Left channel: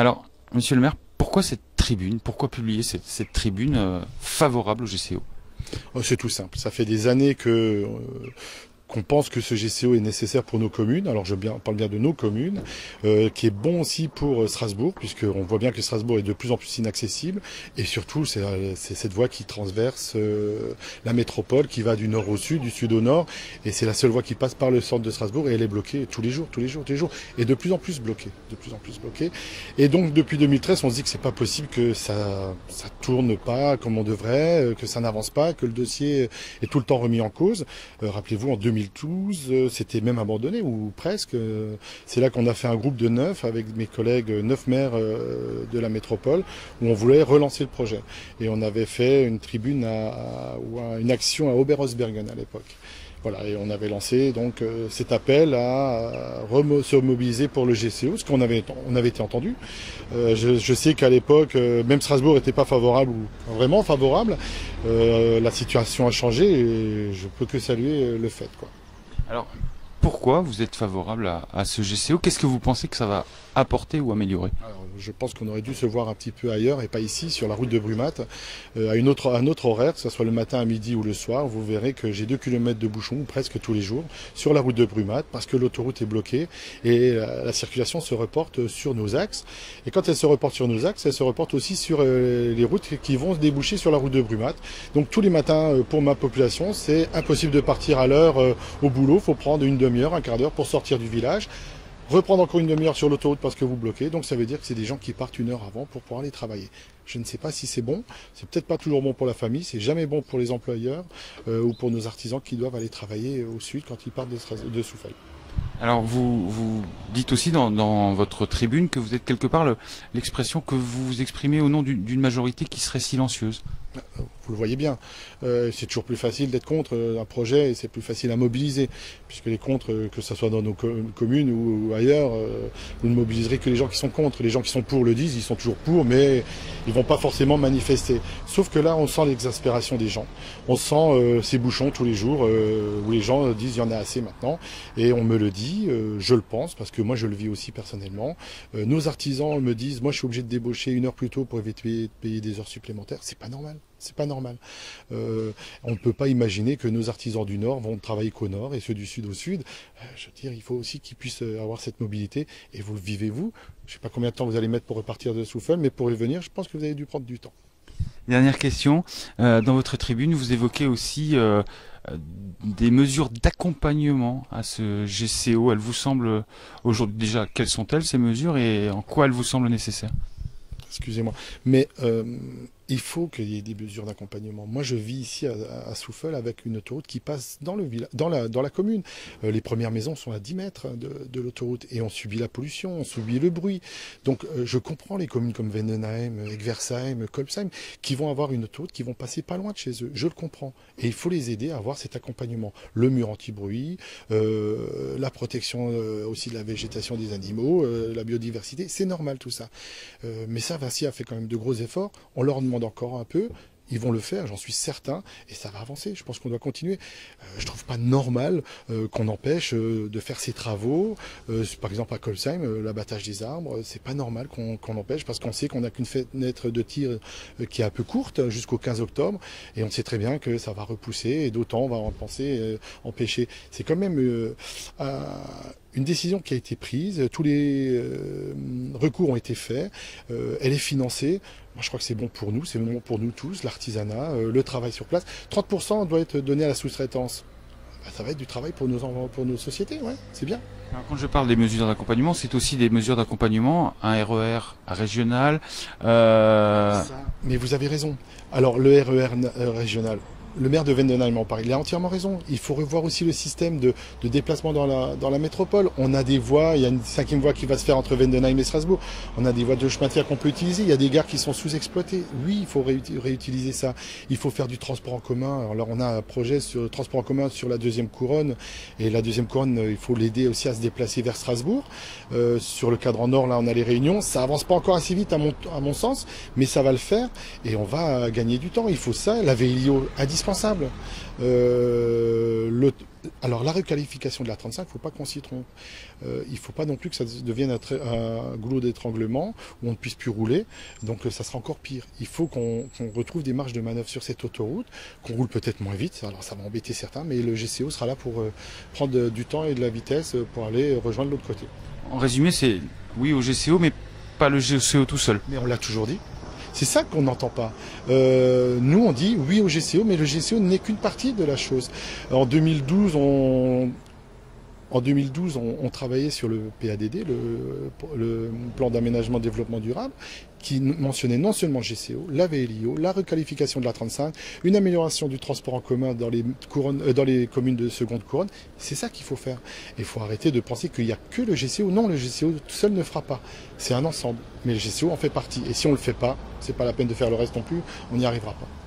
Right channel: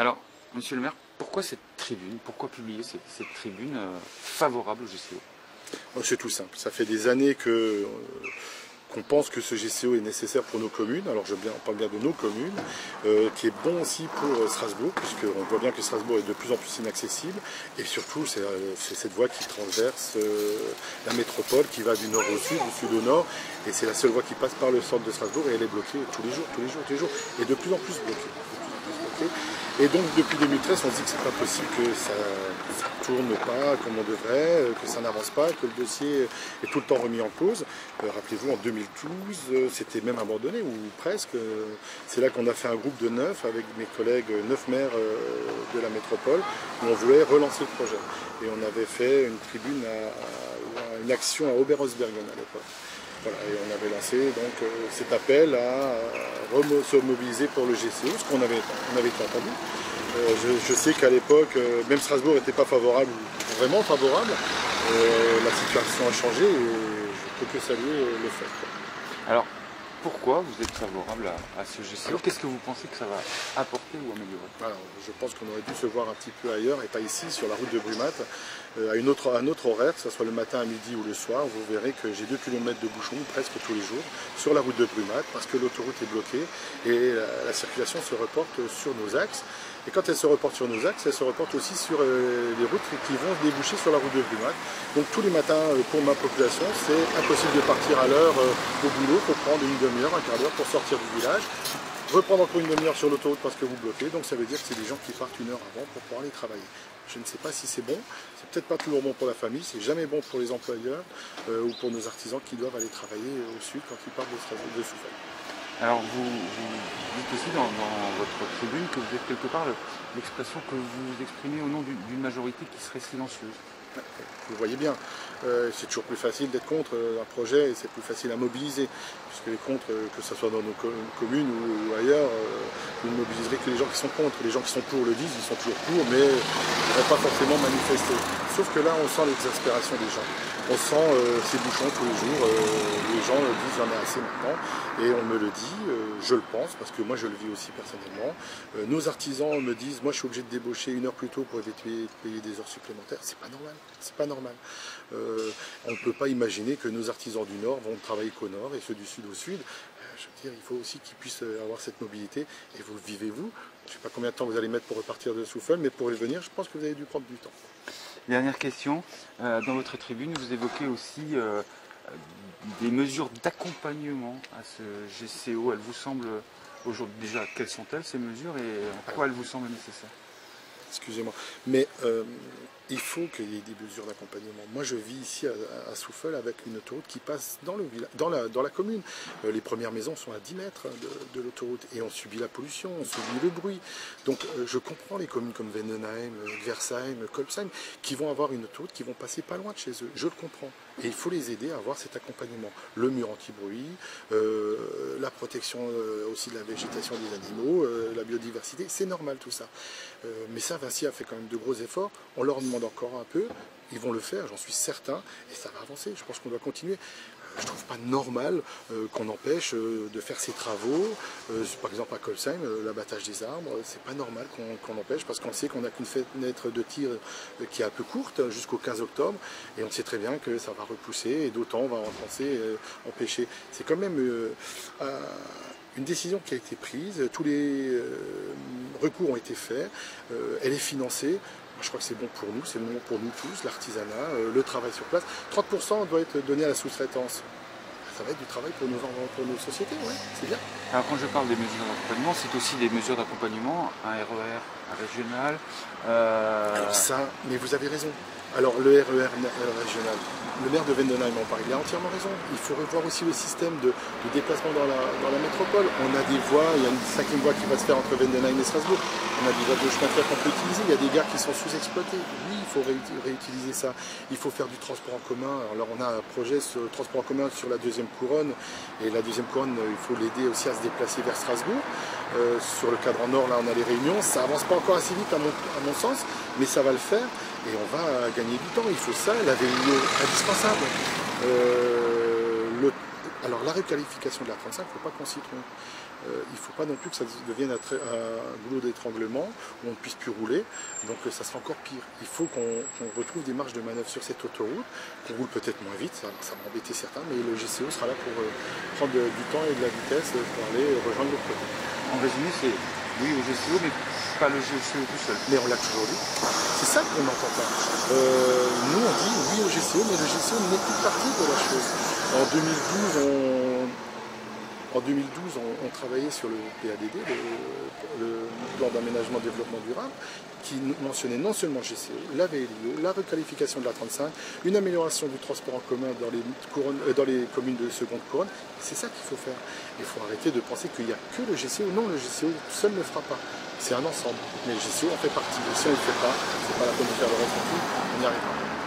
Alors, monsieur le maire, pourquoi cette tribune? Pourquoi publier cette tribune favorable au GCO? Oh, c'est tout simple. Ça fait des années qu'on pense que ce GCO est nécessaire pour nos communes. Alors on parle bien de nos communes, qui est bon aussi pour Strasbourg, puisqu'on voit bien que Strasbourg est de plus en plus inaccessible. Et surtout, c'est cette voie qui transverse la métropole, qui va du nord au sud, du sud au nord. Et c'est la seule voie qui passe par le centre de Strasbourg, et elle est bloquée tous les jours, tous les jours, tous les jours. Et de plus en plus bloquée. De plus en plus bloquée. Et donc depuis 2013, on se dit que c'est pas possible que ça tourne pas comme on devrait, que ça n'avance pas, que le dossier est tout le temps remis en cause. Rappelez-vous, en 2012, c'était même abandonné, ou presque. C'est là qu'on a fait un groupe de 9 avec mes collègues, 9 maires de la métropole, où on voulait relancer le projet. Et on avait fait une tribune, une action à Oberhausbergen à l'époque. Voilà, et on avait lancé donc cet appel à se mobiliser pour le GCO, parce qu'on avait été entendu. Je sais qu'à l'époque, même Strasbourg n'était pas favorable, ou vraiment favorable. La situation a changé et je peux que saluer le fait, quoi. Alors, pourquoi vous êtes favorable à ce GCO? Qu'est-ce que vous pensez que ça va apporter ou améliorer? Alors, je pense qu'on aurait dû se voir un petit peu ailleurs et pas ici, sur la route de Brumat, à un autre horaire, que ce soit le matin, à midi ou le soir. Vous verrez que j'ai 2 km de bouchons presque tous les jours sur la route de Brumat parce que l'autoroute est bloquée et la circulation se reporte sur nos axes. Et quand elle se reporte sur nos axes, elle se reporte aussi sur les routes qui vont se déboucher sur la route de Brumat. Donc tous les matins, pour ma population, c'est impossible de partir à l'heure au boulot. Il faut prendre une demi-heure, un quart d'heure pour sortir du village. Reprendre encore une demi-heure sur l'autoroute parce que vous bloquez. Donc ça veut dire que c'est des gens qui partent une heure avant pour pouvoir aller travailler. Je ne sais pas si c'est bon. C'est peut-être pas toujours bon pour la famille. C'est jamais bon pour les employeurs ou pour nos artisans qui doivent aller travailler au sud quand ils partent de Soufeuille. Alors vous dites aussi dans votre tribune que vous êtes quelque part l'expression que vous exprimez au nom d'une majorité qui serait silencieuse. Vous le voyez bien, c'est toujours plus facile d'être contre un projet et c'est plus facile à mobiliser, puisque les contre, que ce soit dans nos communes ou ailleurs, vous ne mobiliserez que les gens qui sont contre. Les gens qui sont pour le disent, ils sont toujours pour, mais ils ne vont pas forcément manifester. Sauf que là, on sent l'exaspération des gens. On sent ces bouchons tous les jours, les gens disent il y en a assez maintenant, et on me le dit, je le pense, parce que moi je le vis aussi personnellement. Nos artisans me disent, moi je suis obligé de débaucher 1 heure plus tôt pour éviter de payer des heures supplémentaires, c'est pas normal, c'est pas normal. On ne peut pas imaginer que nos artisans du Nord vont travailler qu'au Nord et ceux du Sud au Sud. Je veux dire, il faut aussi qu'ils puissent avoir cette mobilité, et vous le vivez vous. Je ne sais pas combien de temps vous allez mettre pour repartir de Soufeuille, mais pour y venir, je pense que vous avez dû prendre du temps. Dernière question, dans votre tribune, vous évoquez aussi des mesures d'accompagnement à ce GCO. Elles vous semblent aujourd'hui déjà, quelles sont-elles ces mesures et en quoi elles vous semblent nécessaires? Excusez-moi, mais il faut qu'il y ait des mesures d'accompagnement. Moi, je vis ici à Soufeuille avec une autoroute qui passe dans la commune. Les premières maisons sont à 10 mètres de l'autoroute et on subit la pollution, on subit le bruit. Donc, je comprends les communes comme Vendenheim, Egversheim, Kolbsheim, qui vont avoir une autoroute qui vont passer pas loin de chez eux. Je le comprends. Et il faut les aider à avoir cet accompagnement. Le mur anti-bruit, la protection aussi de la végétation des animaux, la biodiversité, c'est normal tout ça. Mais ça, Vinci a fait quand même de gros efforts. On leur demande encore un peu. Ils vont le faire, j'en suis certain, et ça va avancer. Je pense qu'on doit continuer. Je ne trouve pas normal qu'on empêche de faire ces travaux. Par exemple à Kolbsheim, l'abattage des arbres, c'est pas normal qu'on empêche parce qu'on sait qu'on n'a qu'une fenêtre de tir qui est un peu courte jusqu'au 15 octobre, et on sait très bien que ça va repousser, et d'autant on va en penser empêcher. C'est quand même une décision qui a été prise, tous les recours ont été faits, elle est financée. Moi, je crois que c'est bon pour nous, c'est bon pour nous tous, l'artisanat, le travail sur place. 30% doit être donné à la sous-traitance. Ça va être du travail pour nos sociétés, ouais, c'est bien. Alors quand je parle des mesures d'accompagnement, c'est aussi des mesures d'accompagnement, un RER régional. Ça, mais vous avez raison. Alors le RER régional, le maire de Vendenheim en parle, il a entièrement raison. Il faut revoir aussi le système de déplacement dans la métropole. On a des voies, il y a une 5e voie qui va se faire entre Vendenheim et Strasbourg. On a des voies de chemin de fer qu'on peut utiliser. Il y a des gares qui sont sous-exploitées. Oui, il faut réutiliser ça. Il faut faire du transport en commun. Alors on a un projet sur le transport en commun sur la 2e couronne. Et la 2e couronne, il faut l'aider aussi à se déplacer vers Strasbourg. Sur le cadran nord, là, on a les réunions. Ça avance pas encore assez vite à mon sens, mais ça va le faire. Et on va gagner du temps. Il faut ça, la VIO indispensable. Alors la requalification de la 35, il ne faut pas qu'on s'y trompe. Il ne faut pas non plus que ça devienne un goulot d'étranglement où on ne puisse plus rouler, donc ça sera encore pire. Il faut qu'on retrouve des marges de manœuvre sur cette autoroute, qu'on roule peut-être moins vite, alors ça va embêter certains, mais le GCO sera là pour prendre du temps et de la vitesse pour aller rejoindre l'autre côté. En résumé, c'est oui au GCO, mais pas le GCO tout seul. Mais on l'a toujours dit. C'est ça qu'on n'entend pas. Nous, on dit oui au GCO, mais le GCO n'est qu'une partie de la chose. En 2012, on travaillait sur le PADD, le plan d'aménagement développement durable, qui mentionnait non seulement le GCO, la VLIO, la requalification de la 35, une amélioration du transport en commun dans les communes de seconde couronne. C'est ça qu'il faut faire. Il faut arrêter de penser qu'il n'y a que le GCO. Non, le GCO seul ne fera pas. C'est un ensemble. Mais le GCO en fait partie. Et si on ne le fait pas, c'est pas la peine de faire le reste non plus, on n'y arrivera pas.